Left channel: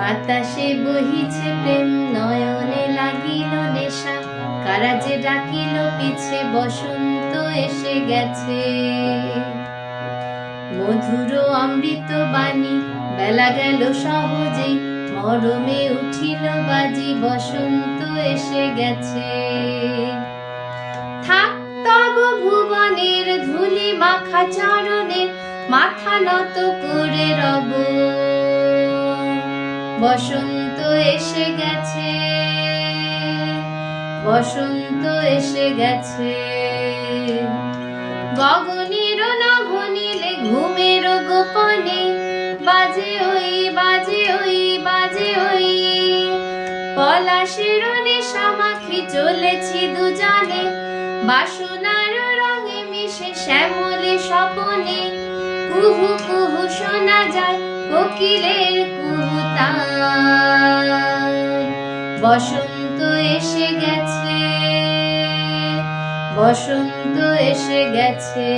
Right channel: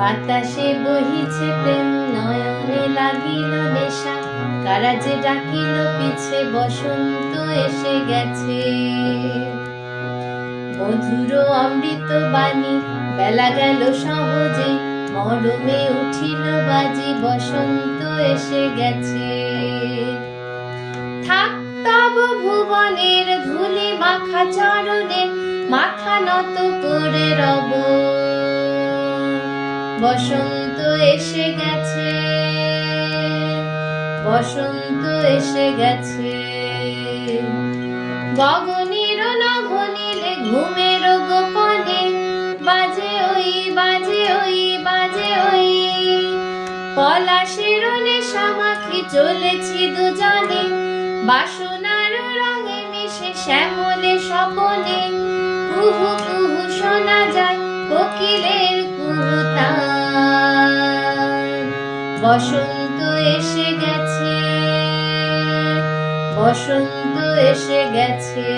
বাতাসে বহিছে প্রেম, নয়নে লাগিল নেশা, কারা যে ডাকিল পিছে, বসন্ত এসে গেছে। মধুর অমৃত বাণী, বেলা গেল সহজে, মরমে উঠিল বাজি, বসন্ত এসে গেছে। থাক তব ভুবনের ধূলি মাখা চরণে, মাথা নত করে রব, বসন্ত এসে গেছে, বসন্ত এসে গেছে। গগনের নভনীলে ঘুমের গোপনে, বাজে ওই বাজে ওই বাজে ওই, পলাশের নেশা মাখি চলেছি দুজনে, বাসনার রঙে মিশে শ্যামলে স্বপনে, কুহু কুহু শোনা যায় কোকিলের কুহুতান। বসন্ত এসে গেছে, বসন্ত এসে গেছে।